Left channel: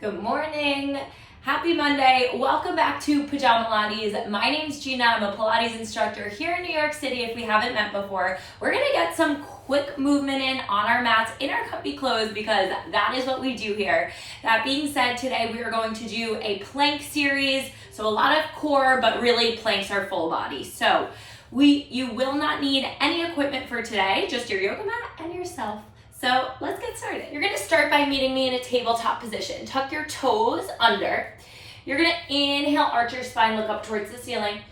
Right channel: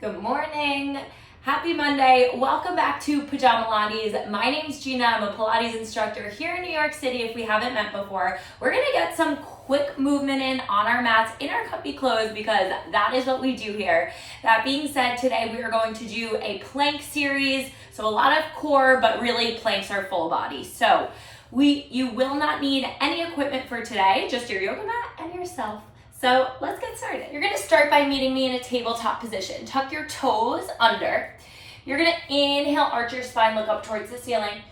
Good morning. Happy Monday. Welcome back to Pajamalates. My name's Gina. I'm a Pilates instructor here in New York City if we haven't met before. We're going to get some quick movement in on our mats in our comfy clothes because that is what we do here. That being said, today we are going to do a plank series. So a lot of core, but really planks are full body. So you will not need any equipment for today, just your yoga mat and yourself. So let's get started. You're gonna start by meeting me in a tabletop position. Tuck your toes under. You're gonna inhale, arch your spine, look up towards the ceiling.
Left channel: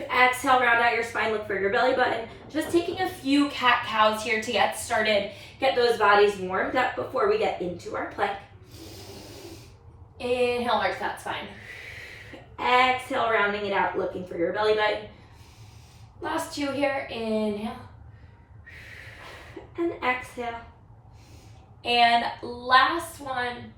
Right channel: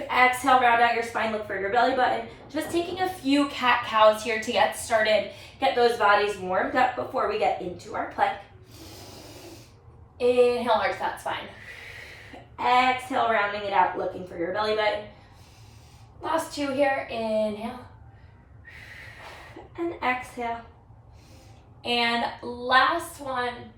Exhale, round out your spine, look for your belly button. Just taking a few cat-cows here to get started. Get those bodies warmed up before we get into our plank. Inhale, arch that spine. Exhale, rounding it out, looking for your belly button. Last two here, inhale. And exhale. And last one,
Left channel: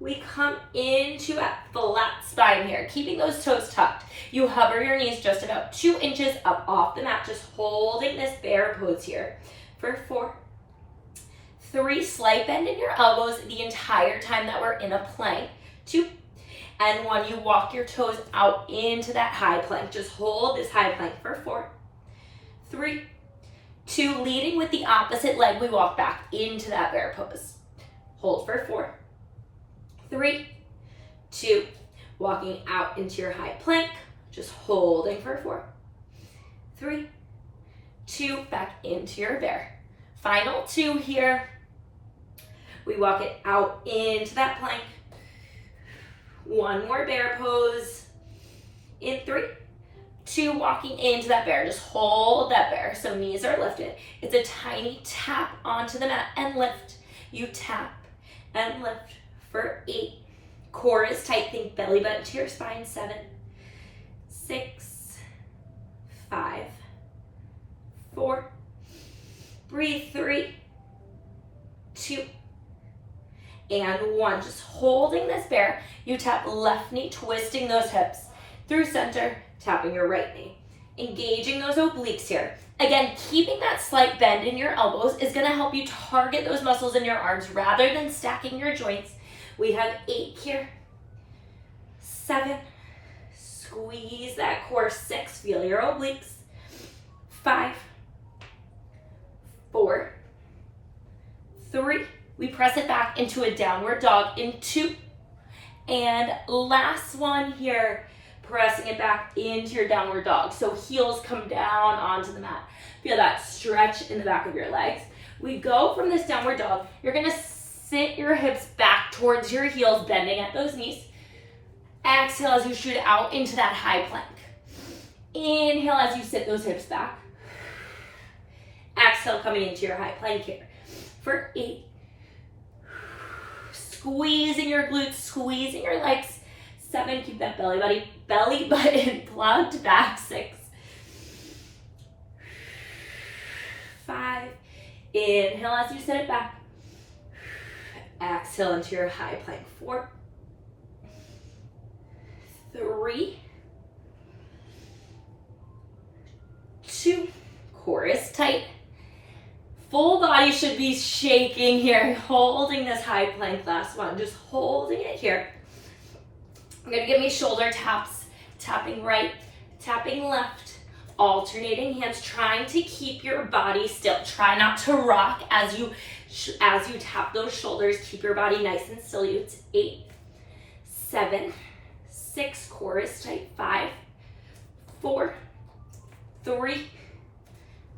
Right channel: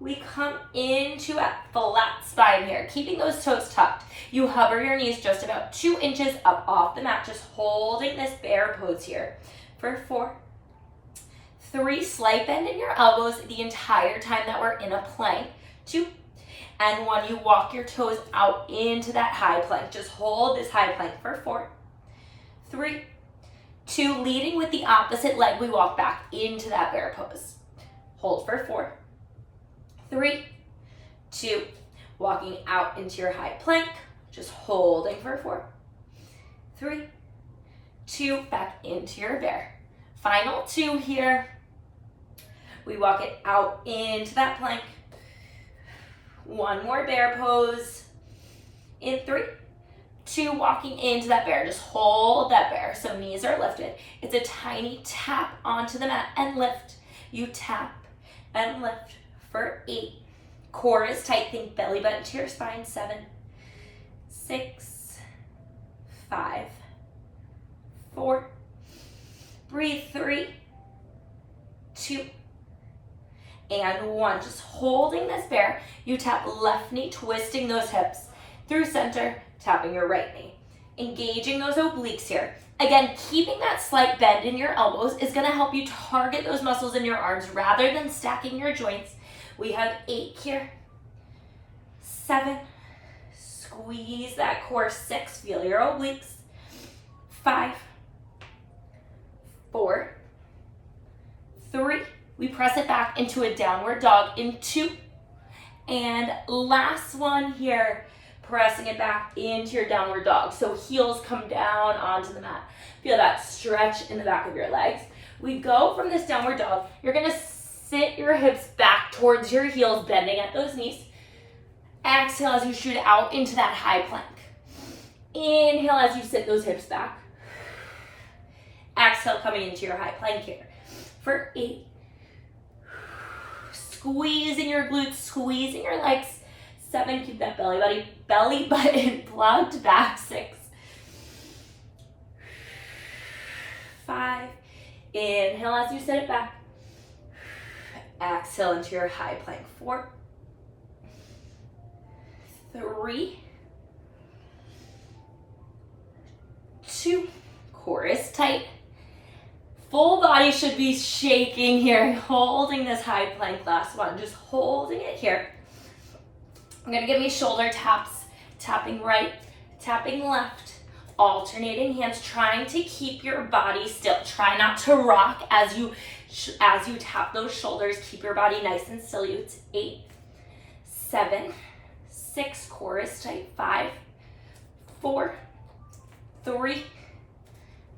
we come into a flat spine here, keeping those toes tucked. You hover your knees just about 2 inches up off the mat, just holding this bear pose here for 4, 3, slight bend in your elbows the entire time that we're in a plank, 2, and 1, you walk your toes out into that high plank. Just hold this high plank for 4, 3, 2, leading with the opposite leg, we walk back into that bear pose. Hold for 4, 3, 2, walking out into your high plank, just holding for 4, 3, 2, back into your bear. Final 2 here. We walk it out into that plank. 1 more bear pose. In 3, 2, walking into that bear. Just hold that bear. So knees are lifted. It's a tiny tap onto the mat and lift. You tap and lift for 8. Core is tight. Think belly button to your spine. 7, 6, 5, 4. Breathe. 3, 2, and 1. Just holding this bear. You tap left knee, twisting those hips through center. Tapping your right knee. Engaging those obliques here. Again, keeping that slight bend in your elbows is going to help you target those muscles in your arms rather than stacking your joints. We have 8 here. 7. Squeeze that core. 6. Feel your obliques. 5. 4. 3. We press it back into a downward dog in 2. And last one here. Pressing it back into your downward dog. So heels come down onto the mat. Feel that stretch in the back of your legs. We go from this downward dog. You're gonna sit your hips back towards your heels, bending at those knees. Exhale as you shoot out into that high plank. Inhale as you sit those hips back. Exhale, coming into your high plank here. For 8. Squeezing your glutes, squeezing your legs. 7, keep that belly button plugged back. 6, 5, inhale as you sit it back. Exhale into your high plank. 4, 3, 2, core is tight. Full body should be shaking here, holding this high plank. Last one, just holding it here. I'm gonna give me shoulder taps, tapping right, tapping left, alternating hands, trying to keep your body still. Try not to rock as you tap those shoulders. Keep your body nice and still. It's 8, 7, 6, core is tight. 5, 4, 3,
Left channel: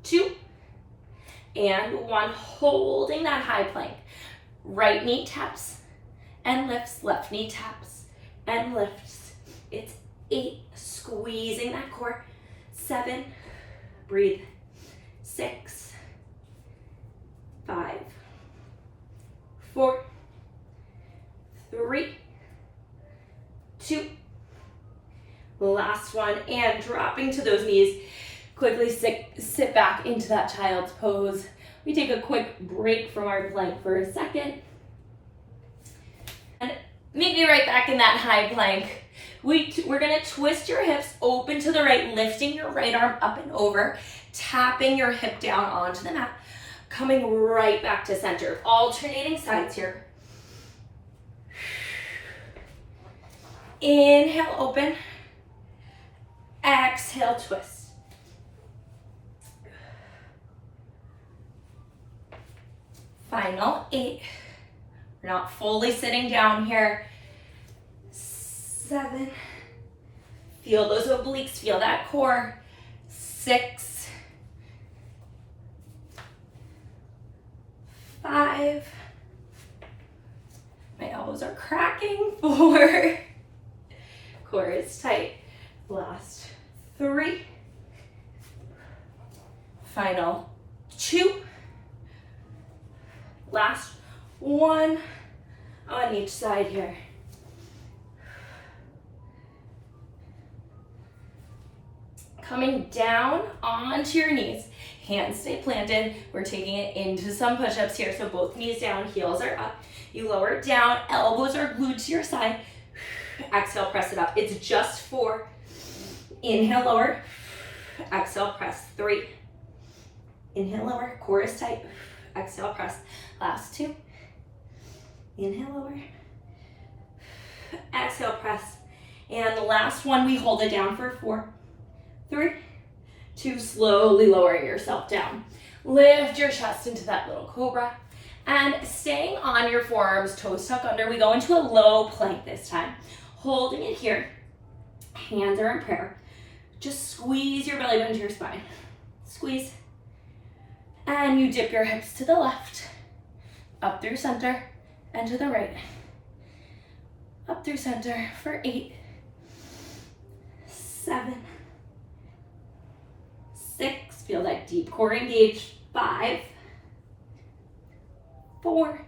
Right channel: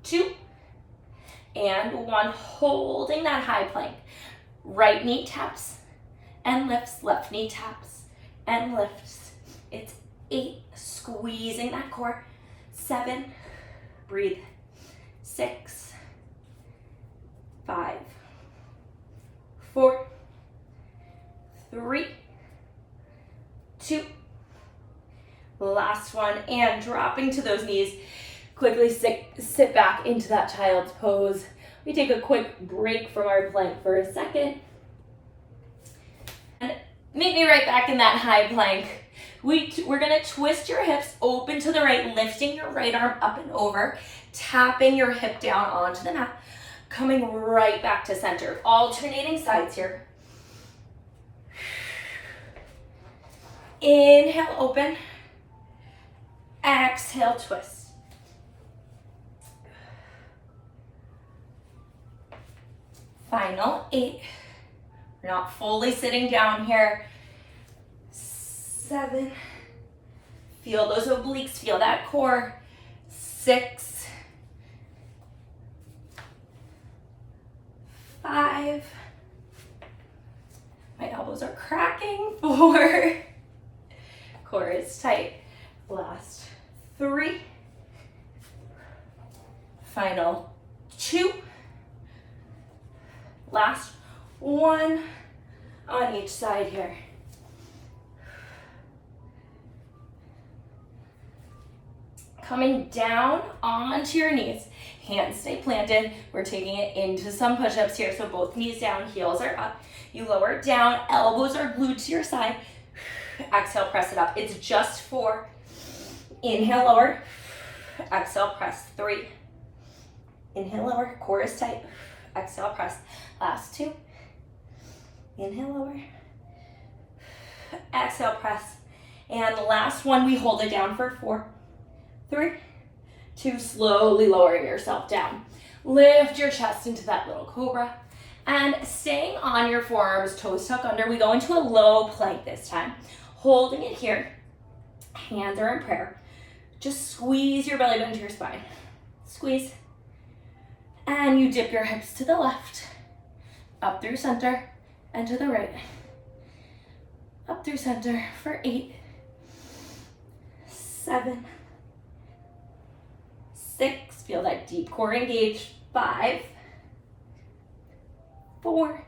2, and 1. Holding that high plank. Right knee taps and lifts, left knee taps and lifts. It's 8, squeezing that core. 7, breathe. 6, 5, 4, 3, 2. Last one, and dropping to those knees. Quickly sit back into that child's pose. We take a quick break from our plank for a second. And meet me right back in that high plank. We're gonna twist your hips open to the right, lifting your right arm up and over, tapping your hip down onto the mat. Coming right back to center. Alternating sides here. Inhale, open. Exhale, twist. Final 8. We're not fully sitting down here. 7. Feel those obliques, feel that core. 6. 5. My elbows are cracking. 4. Core is tight. Last 3. Final 2. Last 1 on each side here. Coming down onto your knees. Hands stay planted. We're taking it into some push-ups here. So both knees down, heels are up. You lower it down, elbows are glued to your side. Exhale, press it up. It's just 4. Inhale, lower. Exhale, press. 3. Inhale, lower. Core is tight. Exhale, press. Last 2. Inhale, lower. Exhale, press. And the last one, we hold it down for 4, 3, 2, slowly lowering yourself down. Lift your chest into that little cobra. And staying on your forearms, toes tuck under, we go into a low plank this time. Holding it here. Hands are in prayer. Just squeeze your belly button to your spine. Squeeze. And you dip your hips to the left, up through center, and to the right. Up through center for 8, 7, 6, feel that deep core engage. 5, 4,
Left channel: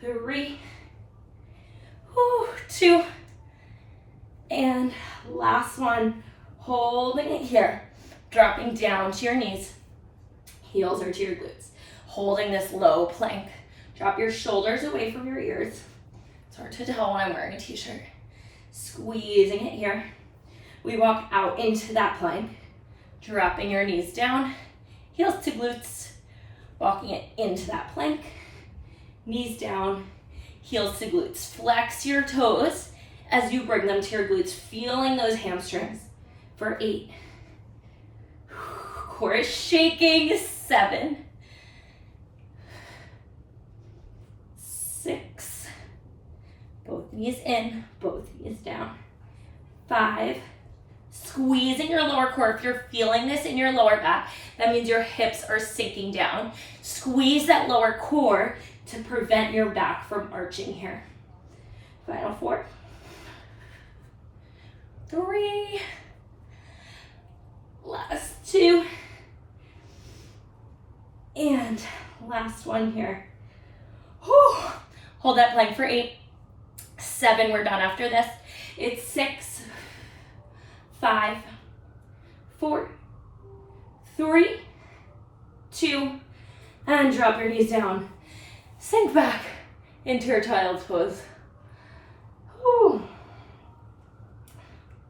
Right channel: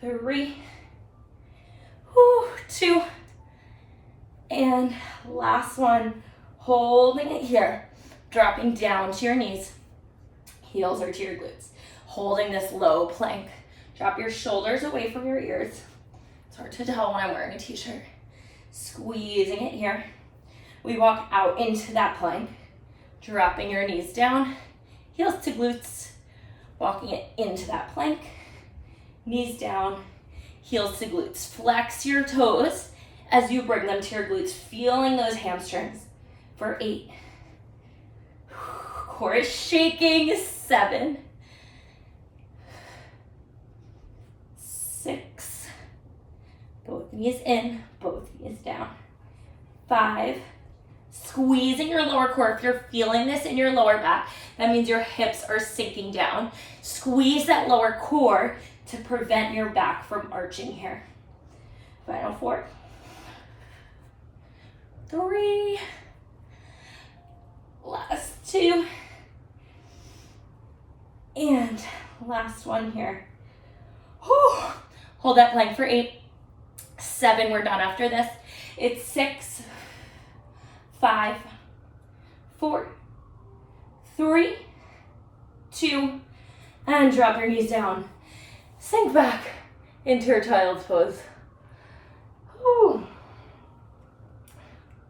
3, 2, and last one, holding it here, dropping down to your knees, heels are to your glutes, holding this low plank. Drop your shoulders away from your ears. It's hard to tell when I'm wearing a t-shirt. Squeezing it here. We walk out into that plank, dropping your knees down, heels to glutes, walking it into that plank, knees down, heels to glutes. Flex your toes as you bring them to your glutes, feeling those hamstrings for 8. Core is shaking. 7, 6, both knees in, both knees down. 5, squeezing your lower core. If you're feeling this in your lower back, that means your hips are sinking down. Squeeze that lower core to prevent your back from arching here. Final 4, 3, last 2, and last one here. Whew. Hold that plank for 8, 7, we're done after this. It's 6, 5, 4, 3, 2, and drop your knees down. Sink back into your child's pose. Whew.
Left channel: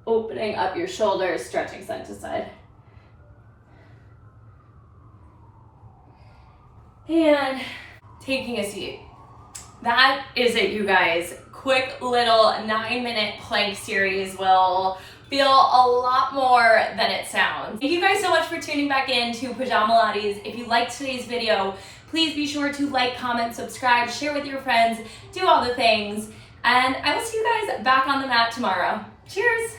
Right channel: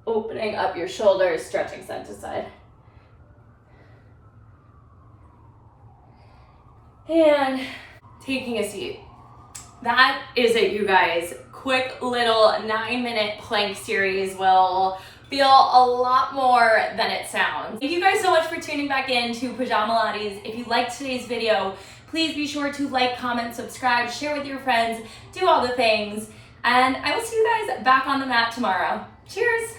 Opening up your shoulders, stretching side to side. And taking a seat. That is it, you guys. Quick little 9-minute plank series will feel a lot more than it sounds. Thank you guys so much for tuning back in to Pajamalates. If you liked today's video, please be sure to like, comment, subscribe, share with your friends, do all the things. And I will see you guys back on the mat tomorrow. Cheers!